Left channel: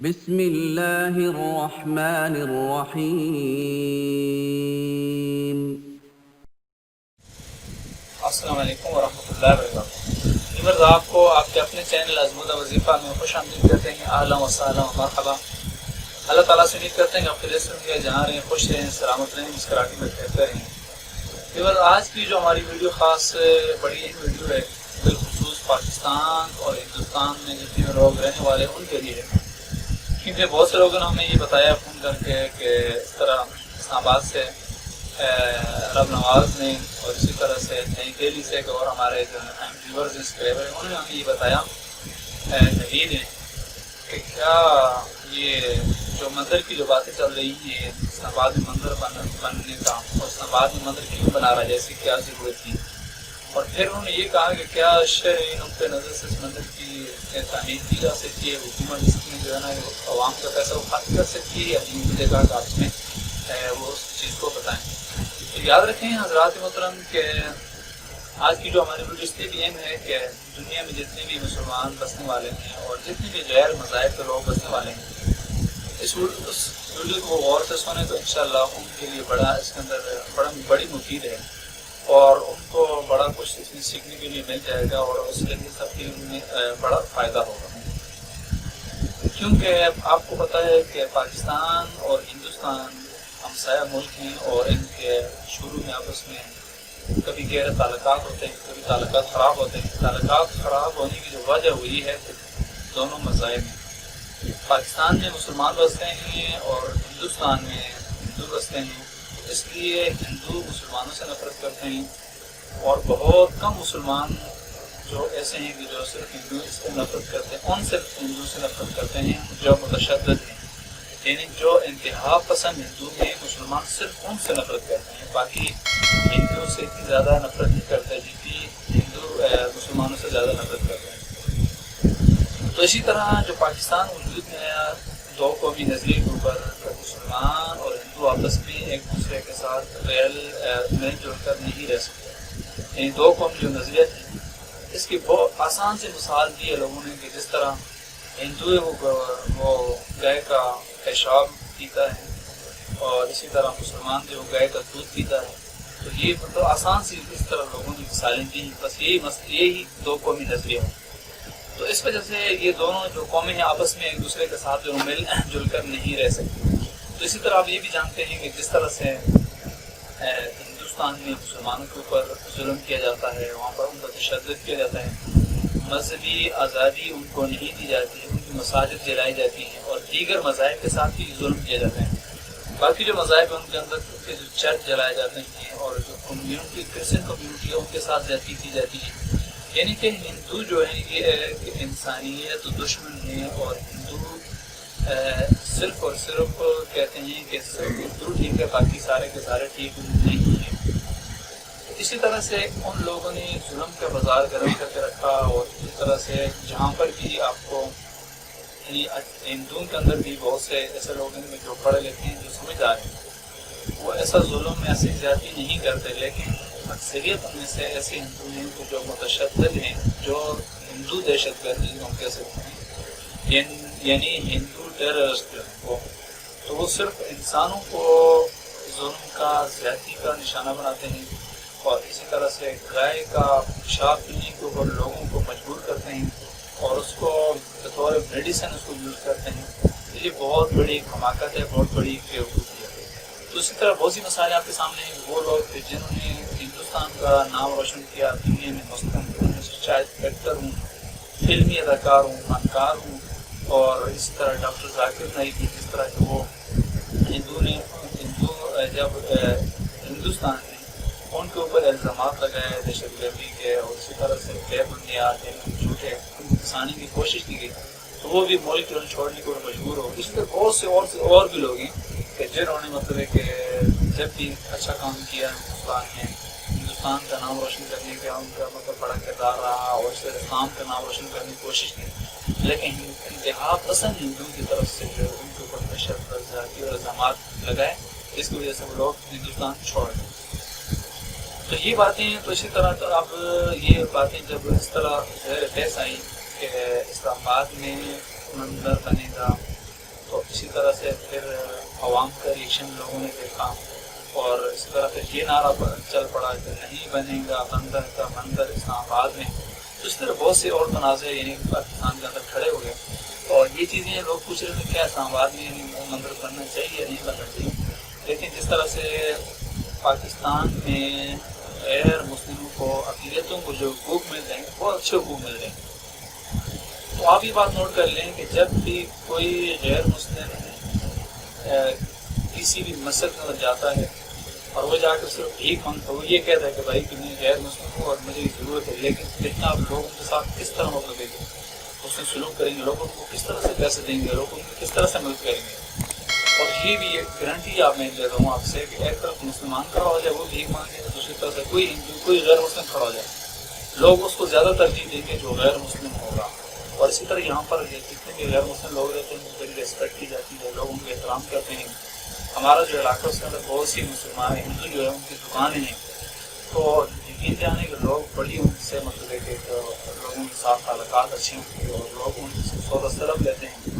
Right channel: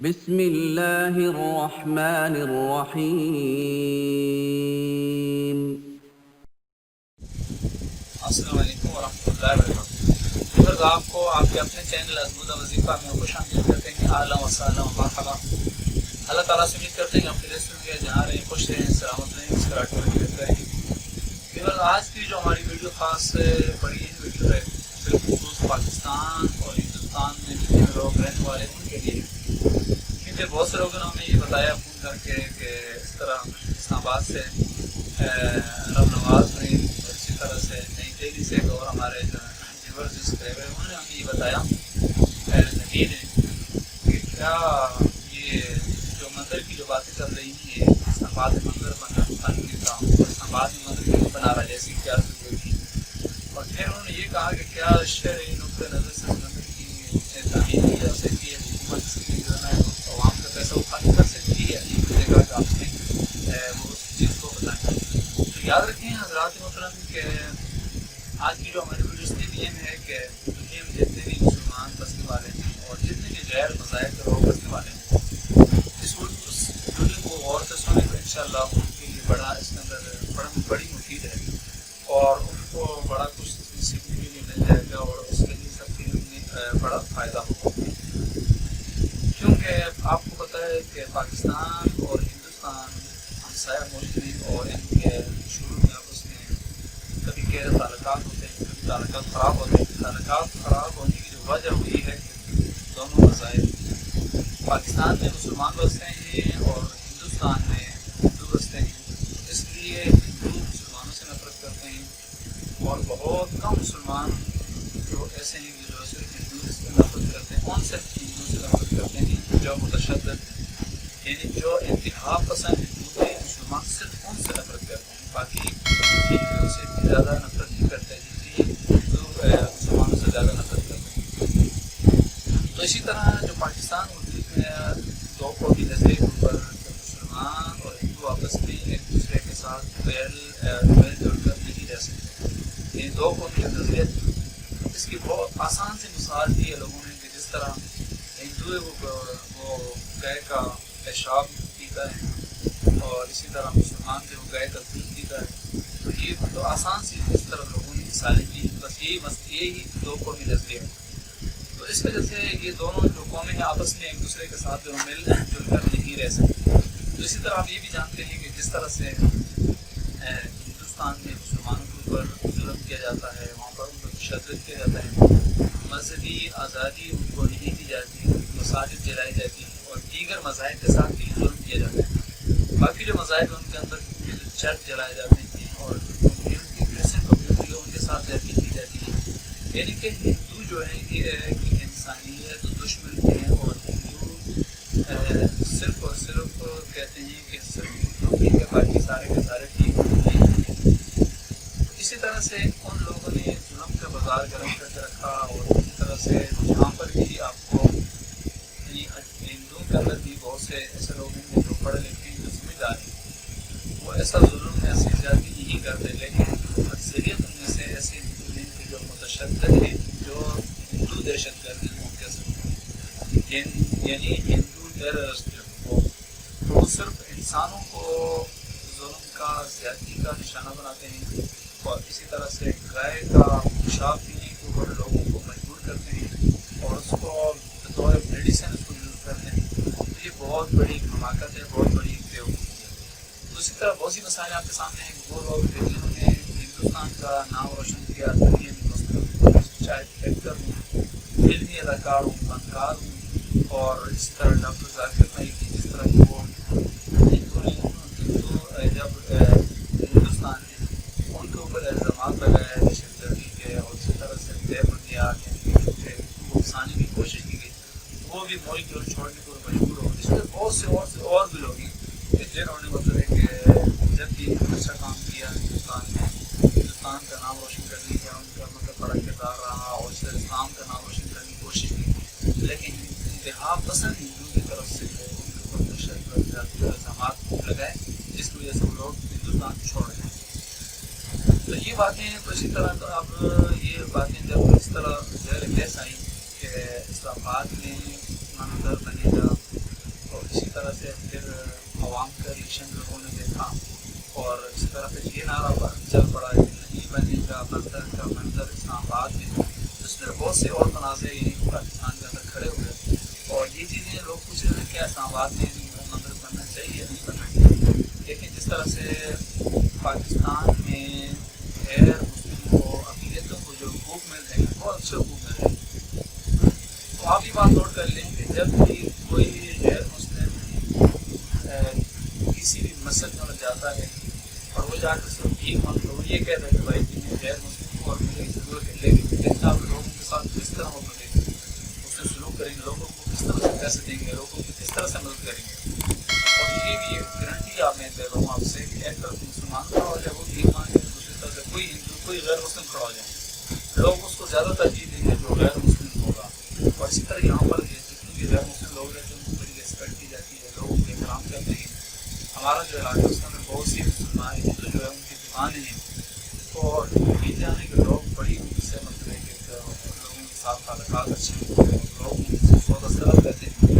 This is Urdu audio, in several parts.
بسم اللہ الرحمن الرحیم۔ السلام علیکم ورحمۃ اللہ وبرکاتہ۔ ویورز، آپ کو آپ کے اپنے چینل ازمودہ وظیفہ میں خوش آمدید کرتے ہیں۔ اہلا وسہلا و مرحبا۔ اللہ تعالیٰ سے امید کرتے ہیں کہ آپ خیریت سے جہاں رہیں، خوش رہیں، سلامت رہیں، مسکراتے ہوئے رہتے رہیں۔ ویورز، آج کی جو ہماری ویڈیو خاص بڑی اہم ویڈیو ہے، بالخصوص پاکستان اور ہندوستان میں جتنے لوگ رہنے والے ان کے لیے، کیونکہ بہت سے لوگوں نے ہمیں یہ بتایا فون کر کے کہ اس طرح اسلام آباد سے رب نواز نے اور اسی طرح سے نئی دہلی سے اور ہمارے جو ویورز سبسکرائبر ہیں انہوں نے ہمیں یہ بتایا نوید نے کہ کیا یہ جو مندر کی جو باتیں چل رہی ہیں اسلام آباد میں مندر بننے کا، اور اسلام آباد میں مندر کیوں بنا رہا ہے، جیسے کیا ضرورت تھی، اور پھر انہوں نے یہ کہا کہ کیا شرعی نقطۂ نظر سے اس مندر کی تعمیر کی جا سکتی ہے، حکومت اس میں جو ہے نا عوام کا پیسہ اٹھا کر سکتی ہے، یا نہیں، مجھے کہا کہ آپ میں وہ اس چیز کو بتائیں۔ تو یاد رکھیں حضرات محترم کہ آج کی جو ہماری ویڈیو اس لیے بھی اہم ہے کہ دنیا میں جتنے بھی مسلمان بسنے والے ہیں اور جتنے بھی غیر مذاہب کے لوگ بسنے والے ہیں، اس ویڈیو کو غور سے سنیں تو انشاءاللہ ان کے لیے اس کے اندر بڑی مفید ہے، اور ان کو بڑا کچھ اس میں سیکھنے کے لیے مل جائے گا، اور اس کے لیے سب کے لیے بڑا فائدہ ہوگا۔ کیونکہ آپ کو پتہ ہے کہ پاکستان اور ہندوستان ہمسایہ ملک ہیں، اور ان کے شروع میں آپس میں کبھی غیر تعلقات ہوتے ہیں، کبھی تعلقات خراب ہوتے ہیں۔ تعلقات خراب ہونے کی جو وجہ ہوئی ہے کہ دونوں مذاہب، پاکستان میں مسلمان بستے ہیں اور ہندوستان میں ہندو بستے ہیں، اس لیے ہندو مسلمانوں سے نفرت کرتے ہیں، اور بہت کم مسلمان جو ایسے ہیں کہ جو صرف ہندو سے نفرت کرتے ہیں، ان صرف ہندو سے نفرت کرتے ہیں جو متشدد ہیں، یعنی جو انتہا پسند ہندو ہیں، مسلمان صرف ان سے نفرت کرتے ہیں، باقی ہندو سے اتنی زیادہ نفرت نہیں کرتے جتنی ہندو مسلمانوں سے زیادہ نفرت کرتے ہیں۔ تو اسی طرح جو پاکستان وجود میں دو قومی نظریے کے اوپر مسلمان اور ہندو آپس میں ایک دوسرے کے ساتھ مل جل کر نہیں رہ سکتے، یعنی دو قومی جو نظریہ تھی، اس کی بہت آسان سی مثال دی ہے لوگوں نے کہ جس طرح ہندو ہے وہ گائے کا پیشاب پیتا ہے، اور اسی طرح مسلمان جو گائے کا دودھ پیتا ہے۔ تو یہ مطلب آسان سی اس طرح لوگوں نے مثالیں دی، بس یہی دو قومی نظریہ ہے۔ تو اس وجہ سے یہ دونوں جو قومیں ہیں آپس میں ایک دوسرے کے ساتھ جو مل جل کر نہیں رہ سکتی۔ تو اسی طرح آپ یہ بھی جانتے ہیں کہ جس طرح سے ہندوستان میں مسلمانوں کے اوپر ظلم کیا جاتا ہے، وہاں پر ان پر تشدد کیا جاتا ہے، مذہبی آزادی ان کو نہیں دی جاتی، ان کی مساجد جلائی جاتی ہیں، اور دیگر مذاہب کے ساتھ بھی ظلم کیا جاتا ہے۔ باقی جو مذاہب ہیں ان کے اندر جو چرچ جلائے جاتے ہیں، اور جو کمیونٹی کرسچن کمیونٹی ہے ان کے ساتھ زیادتی کی جاتی ہے، یعنی کہ ہندو جو ہے یہ انسانیت دشمن ہے، اور ہندو صرف اور صرف کہتے ہیں کہ صرف ہندو ٹھیک ہے، باقی سارے کے سارے ٹھیک نہیں ہیں۔ اسی طرح سے ان لوگوں نے ظلم کا بازار گرم کر کے رکھا، اور اسی طرح سے جہاں پر بھی آپ کو یعنی ہندوؤں کے اندر بھی بہت سے ایسے لوگ ہیں جو پڑھے لکھے ہیں، جو سمجھدار ہیں، وہ ایسا ظلم میں ایسی زیادتی نہیں کرتے، لیکن اکثریت میں سے ایسے ہندو ہیں جو متشدد ہیں، جو ہندو دہشت گردی ہم کہہ سکتے ہیں، یعنی ہندو ٹیررسٹ تو وہ صرف انسانوں کو ظلم کا، زیادتی کا نشانہ بناتے ہیں، اور اسی طرح سے گائے کا پیشاب پینے کے اوپر لوگوں کو مجبور کرتے ہیں، اور اس کو بطور میڈیسن اس کو یوز کرتے ہیں۔ تو یہ بہت بڑی حماقت ہے، بہت بڑی بیوقوفی ہے۔ تو اسی طرح بہت سی مسائل آپ کے سامنے ہیں، وہ لوگ جنہوں نے ہندوستان کا نام روشن کیا دنیا میں، مثلاً چاہے ایکٹر ہوں، فلمی اداکار ہوں، فنکار ہوں، اور اسی طرح ڈاکٹر ذاکر نائک کی، جس طرح کہ وہ ہندو جب ہندوستان میں ان کے اوپر الزامات لگائے دہشت گردی کے، اور اسی طرح سے بے بنیاد یعنی جھوٹے اکسانے کی کوشش کی گئی، تو وہ بھی ملک چھوڑنے کو مجبور ہو۔ اس طرح بہت سے اور بھی لوگ ہیں کہ جنہوں نے مطلب ہے کہ جب بھی اچھا کام کیا ہندوستان کا نام روشن کرنے کا ان کا مطلب بڑا کردار رہا، اور اس طرح اسلام کا نام روشن کرنے کی کوشش کی، لیکن انتہا پسند ہندو کی طرف سے جو ان کے اوپر تشدد اور الزامات لگائے، جس کی وجہ سے وہ لوگ ہندوستان چھوڑ گئے۔ تو یہ باتیں، تو اسی طرح تو اب یہ باتیں جب اس طرح زیر بحث آئیں کہ اسلام آباد میں مندر بنے گا، اسی طرح سے پھر عوام کا ریئیکشن لوگوں نے دیکھا اور اسی طرح پھر یہ نعرہ چل پڑا کہ نہیں بنے گا بندر کا مندر اسلام آباد میں. تو اس طرح بہت سے اور تنازع یعنی پاکستان کے اندر کھڑے ہو گئے اور یہ چیزیں لوگ پوچھ رہے تھے کیا اسلام آباد میں مندر بننا چاہیے یا نہیں بننا چاہیے. لیکن جس طرح سے پاکستان میں غیر مسلموں کو اقلیتوں کو جو حقوق مل رہے ہیں بہت اچھے حقوق مل رہے ہیں. تو آپ یہ بات نوٹ کر لیں کہ جب بھی کوئی غیر مسلم کسی بھی مسجد کے اندر جاتا ہے اور وہ جا کر صرف بھیک مانگتا ہے, وہ یہ کہتا ہے کہ بھائی کہ میں غیر مسلم ہوں اور مجھے ضرورت ہے, لیکن کتنا آپ لوگوں کے ساتھ کس طرح مطلب اس میں سلوک کریں گے, لوگوں کو کس طرح سے پیسے دیں گے, لوگوں کو کس طرح سے مدد کریں گے. اور یہ بھی ایک گارنٹی آپ میں دے رہا ہوں آپ سے کہ ایک طرف مسلمان کھڑا ہو جائے وہ بھیک مانگے, دوسری طرف سے کوئی ہندو کوئی غیر مسلم کھڑا ہو جائے, لوگ اس کو زیادہ ترجیح دیں گے جو غیر مسلم ہوگا. اور اسی طرح یہاں پر جتنے بھی غیر مسلم لوگ رہتے ہیں ان کی بڑی ریسپیکٹ کی جاتی ہے, لوگ ان کو احترام کرتے ہیں. ہمارا جو علاقہ ہے اس کے اندر بہت سی مسلمان ہندو جو ہے ان کی دکانیں ہیں, تو یقین جانے کہ لوگ بڑی ان سے مطلب ہے کہ لوگوں کے ساتھ تعلقات اچھے ہوتے ہیں اور لوگ ان سے سودا سلب لیتے ہیں.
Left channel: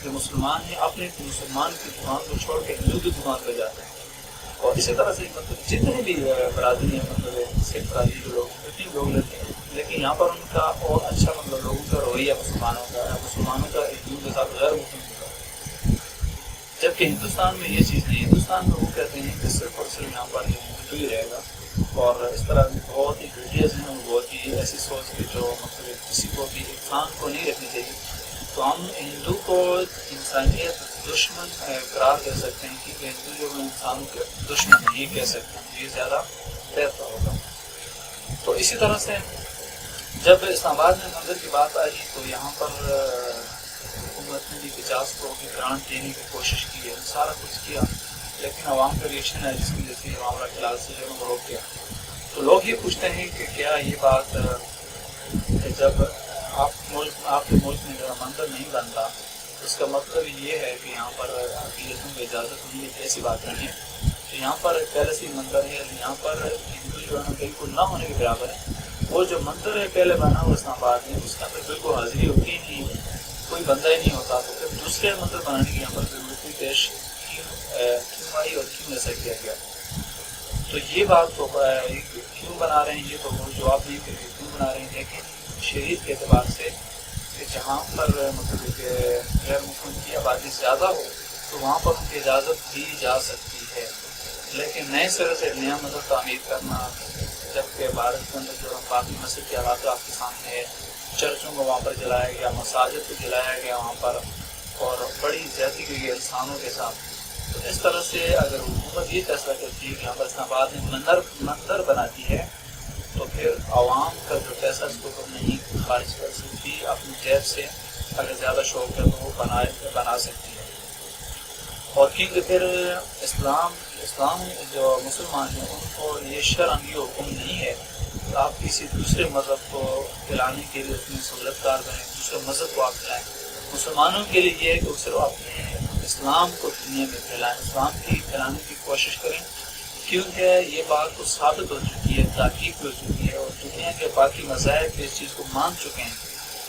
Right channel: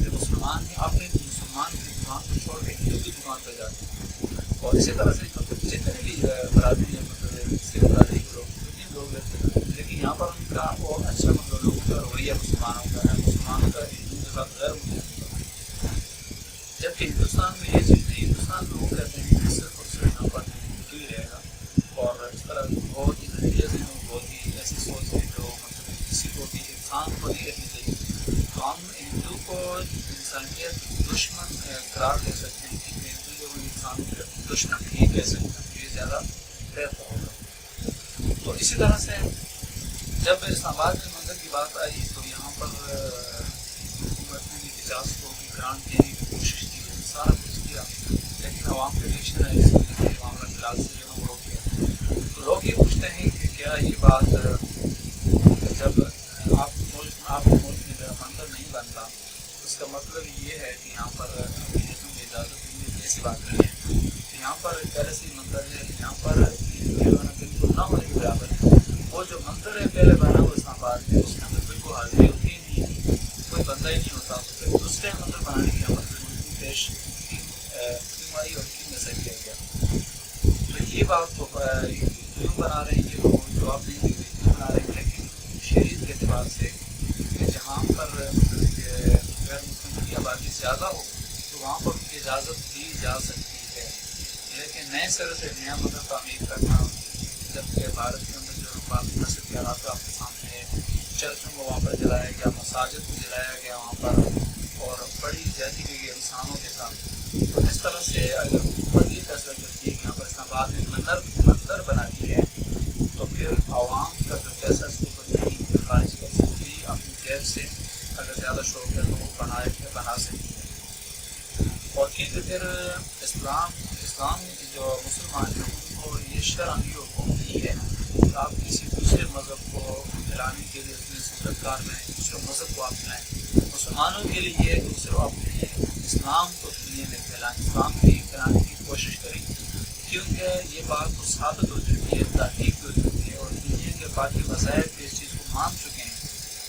جو مسلمان ہیں اپنے مسلمان کی دکان کو چھوڑ کے ہندو کی دکان پہ جاتے ہیں. اور اسی طرح سے مطلب جتنے بھی برادری ہیں مطلب سکھ برادری کے لوگ جتنے بھی لوگ لیتے ہیں, لیکن یہاں پر ان کا اور اچھا مطلب لوگوں کا رویہ مسلمانوں کا ہندو کے ساتھ غیر مسلم کا, جبکہ ہندوستان میں یہ چیز نہیں. ہندوستان میں وہ کہتے ہیں کہ صرف اور صرف یہاں پر ہندو ہی رہے گا, اور اس طرح بہت ہی گھٹیا سے بہت ہی ایسی سوچ ہے جو مطلب کسی کو بھی انسان کو نہیں رکھنی چاہیے. تو ہم ہندو کو انسانیت دشمن قرار دے سکتے ہیں کیونکہ ہندو جو انسانوں کے دشمن نہیں کہہ سکتے ہیں, یہ زیادہ بہتر ہوگا. تو اسی طرح سے جب اسلام آباد میں مندر کی بات آئی تو یہاں پر حکومت نے بھی 50 کروڑ کی گرانٹ دینے کی کوشش کی ہے, سارا کچھ کیا, لیکن عوام کا ریئیکشن ہے جس کی وجہ سے یہ معاملہ فی الحال سے جو ہے وہ روک گیا. تو لوگ یہ پوچھتے ہیں کہ کیا یہ بات جب آپ کے ملک میں جو مندر نہیں بنتا اس کا مطلب یہ ہے کہ یہاں پر اقلیتوں کی اجازت نہیں ہے, ایسی بات نہیں ہے. تو یہاں پر پہلے سے مندر ہے, یہاں پر ہندو جو ہے بالکل نہ ہونے کے برابر ہے. وہ جو مندر ہے پہلے بنا ہوا اسلام آباد میں اس کے اندر بالکل حاضری ہوتی ہی نہیں, کوئی بندہ ہی نہیں ہوتا. تو پھر دوسرے مندر بنانے کی یہاں پر ضرورت پیش کیوں آئی اور کیوں ایسا کیا گیا. تو یہ بات تو کیوں بنا رہے ہیں یہ تو جواب نہیں دے رہے کیوں بنا رہے ہیں, لیکن شریعت کے اعتبار سے کہ جہاں پر مطلب کہ غیر مسلم کی آبادی زیادہ ہو تو وہاں پر ان کی اجازت دی جا سکتی ہے. لیکن نئے سرے سے نیا مندر تعمیر کرنا, جبکہ بھارت کے اندر جو باقی مسجد کے حالات آپ کے سامنے ہے, چرچوں کو وہاں پر جلایا گیا, مساجد کو جلایا گیا وہاں پر, اور بڑی زیادتی کی گئی انسانوں کے ساتھ. تو اس طرح سے اگر حکومت یہ فیصلہ کرتی ہے کہ یہاں پر اسلام آباد میں مندر بناتی ہے تو پھر عوام کا جو پیسہ اس کو نہیں خارج کر سکتی, اپنی جیب سے اگر زیادہ شوق ہے تو وہ بنا سکتی ہے. اور کیونکہ پھر اسلام جو مسلمان ہیں ان کو یہ شرعاً یہ حکم نہیں ہے کہ آپ کسی دوسرے مذہب کو پھیلانے کے لیے اس میں سہولت کار بنیں, دوسرے مذہب کو آپ پھیلائیں. مسلمانوں کے لیے یہ ہے کہ صرف اپنے اسلام کو دنیا میں پھیلائیں, اسلام کی پھیلانے کی کوشش کریں, کیونکہ یہ بات تو ثابت ہو چکی ہے, تحقیق ہو چکی ہے, اور دنیا کے باقی مذاہب بھی اس چیز کو مان چکے ہیں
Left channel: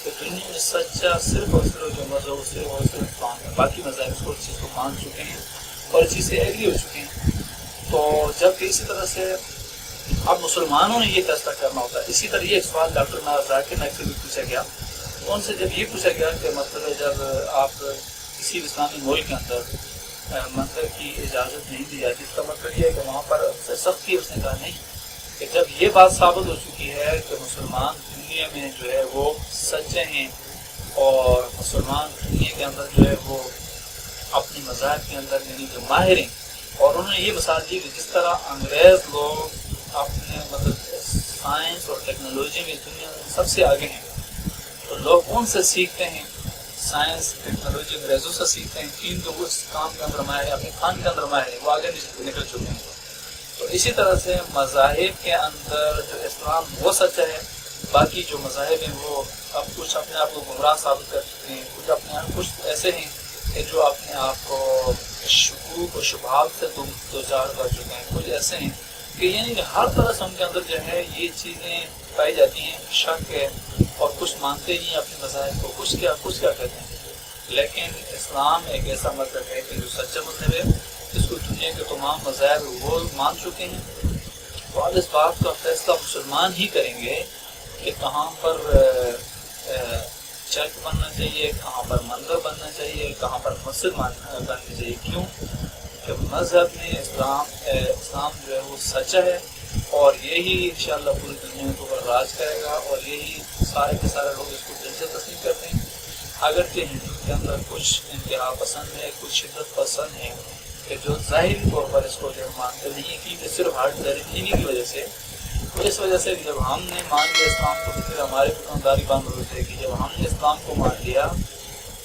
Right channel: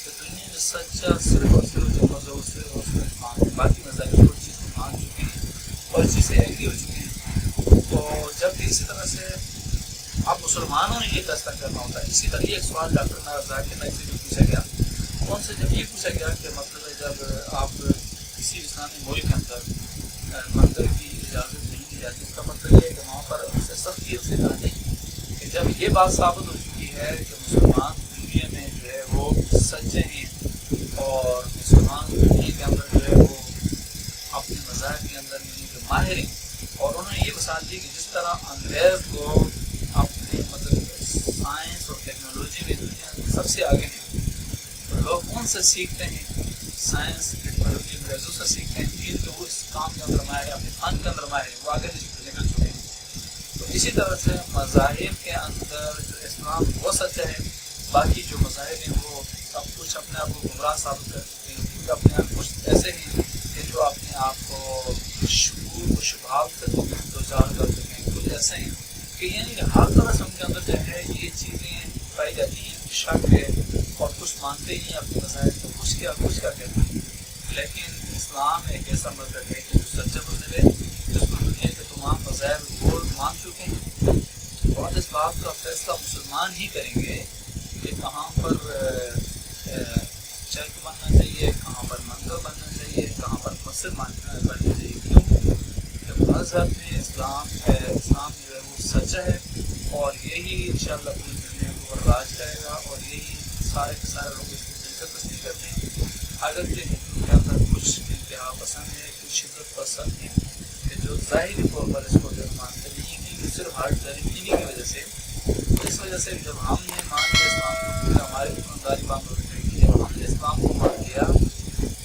کہ دنیا میں سچا صرف اور صرف جو مذہب صرف اور صرف اسلام ہے. باقی مذاہب اس چیز کو مان چکے ہیں اور اس چیز سے ایگری ہو چکے ہیں. تو جب کہ اسی طرح سے اب مسلمانوں نے یہ فیصلہ کرنا ہوتا ہے. اسی طرح یہ ایک سوال ڈاکٹر ذاکر نائک سے بھی پوچھا گیا, ان سے جب یہ پوچھا گیا کہ مطلب ہے جب آپ کسی اسلامی ملک کے اندر مندر کی اجازت نہیں دی جاتی اس کا مطلب یہ ہے کہ وہاں پر اسے سختی, اس نے کہا نہیں, کہ جب یہ بات ثابت ہو چکی ہے کہ مسلمان دنیا میں جو ہے وہ سچے ہیں اور مسلمان دنیا کے اندر جو ہے وہ اپنے مذاہب کے اندر یعنی جو ماہر ہیں, اور انہوں نے یہ مثال دی کہ جس طرح انگریز لوگ اپنے مطلب سائنس اور ٹیکنالوجی میں دنیا سب سے آگے ہیں, تو لوگ ان سے سیکھتے ہیں, سائنس ٹیکنالوجی انگریزوں سے سیکھتے ہیں کیونکہ وہ اس کام کے اندر ماہر ہیں, اپنے فن کے اندر ماہر ہیں, وہ آگے نکل چکے ہیں. تو اسی طرح سے مذاہب کے اندر جو اسلام وہ سچا ہے, باقی جو مذاہب ہیں وہ اب کچھ اپنے آپ کو گمراہ ثابت کر چکے ہیں, کچھ اپنے آپ کچھ ایسے ہیں کہ جو اپنے آپ کو شکوک و شبہات سے دوچار کر چکے ہیں, کچھ ایسے ہیں کہ یعنی کہ ہر طرح سے ان کے اندر جو ہے یہ چیزیں پائی جاتی ہیں, شک ہے, اور کچھ مانتے ہی ہیں اپنے مذاہب کو, کچھ کیا کہتے ہیں. لیکن اسلام ایک ایسا مذہب ہے کہ جو سچا مذہب ہے، جس کو دنیا کے تمام مذاہب وہ مان چکے ہیں، اور اس بات کا فیصلہ مسلمان ہی کریں گے کہ کہاں پر چرچ بننا چاہیے، کہاں پر مندر بننا چاہیے، کہاں پر مسجد بننی چاہیے۔ کیوں کہ مذہب میں اسلام جو ہے وہ سچا ہے، اور یہی انشاءاللہ پوری دنیا کے اوپر راج کرے گا، اور یہی سارے کے سارے لوگ اس کو دل سے تسلیم کرتے ہیں۔ اگرچہ ہندو کے اندر کچھ انتہا پسند ہے، کچھ شدت پسند ہیں کہ جو ظاہری طور پر اس کو جو مانتے نہیں، کیونکہ صرف ہارٹ دینی کی وجہ سے، تو اس وجہ سے جب ہم نے مان لیا اسلام کو، تو پھر ہماری دکانداری بند ہو جائے گی۔ جب ہم نے اسلام کو مان لیا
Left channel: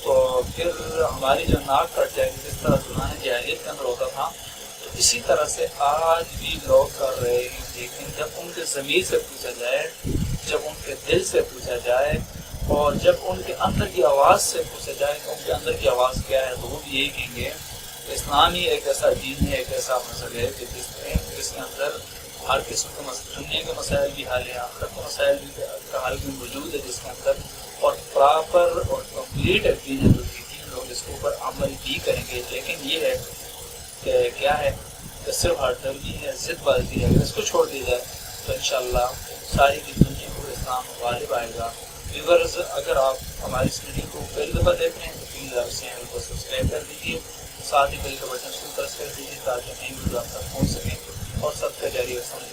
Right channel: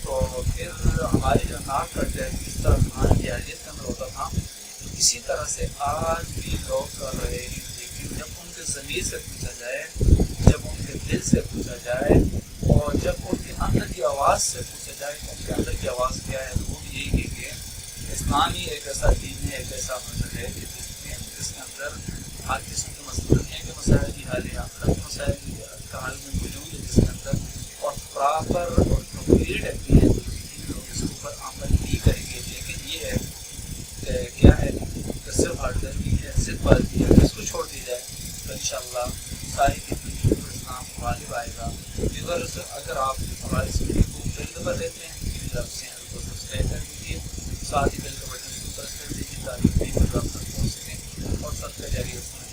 تو پھر ہماری جو ناک کٹ جائے گی، جس طرح دوران جاہلیت کے اندر ہوتا تھا، تو اسی طرح سے آج بھی لوگ کر رہے ہیں۔ لیکن جب ان کے ضمیر سے پوچھا جائے، جب ان کے دل سے پوچھا جائے، اور جب ان کے اندر کی آواز سے پوچھا جائے کہ ان کے اندر کی آواز کیا ہے، تو وہ بھی یہی کہیں گے اسلام ہی ایک ایسا دین ہے، ایک ایسا مذہب ہے کہ جس کے اندر ہر قسم کے دنیا کے مسائل بھی حل ہیں، آخرت کے مسائل کا حل بھی موجود ہے جس کے اندر، اور پراپر اور کمپلیٹ یقین ہے، تو دین لوگ اس کے اوپر عمل بھی کریں گے۔ لیکن یہ ہے کہ کیا ہے کہ صرف ہارٹ درمی ہے، ضد بازی ہے، اس کو چھوڑ دی جائے تو انشاءاللہ ساری کی دنیا کو اسلام غالب آئے گا۔ ویورز، اگر آپ ہماری اس ویڈیو کو پہلی دفعہ دیکھ رہے ہیں تو پلیز آپ چینل کو سبسکرائب کر دیجیے، ساتھ ہی بیل کا بٹن اس کو پریس کر دیجیے تاکہ نئی ویڈیو آپ تک پہنچ سکیں اور سب کا جاری رسائی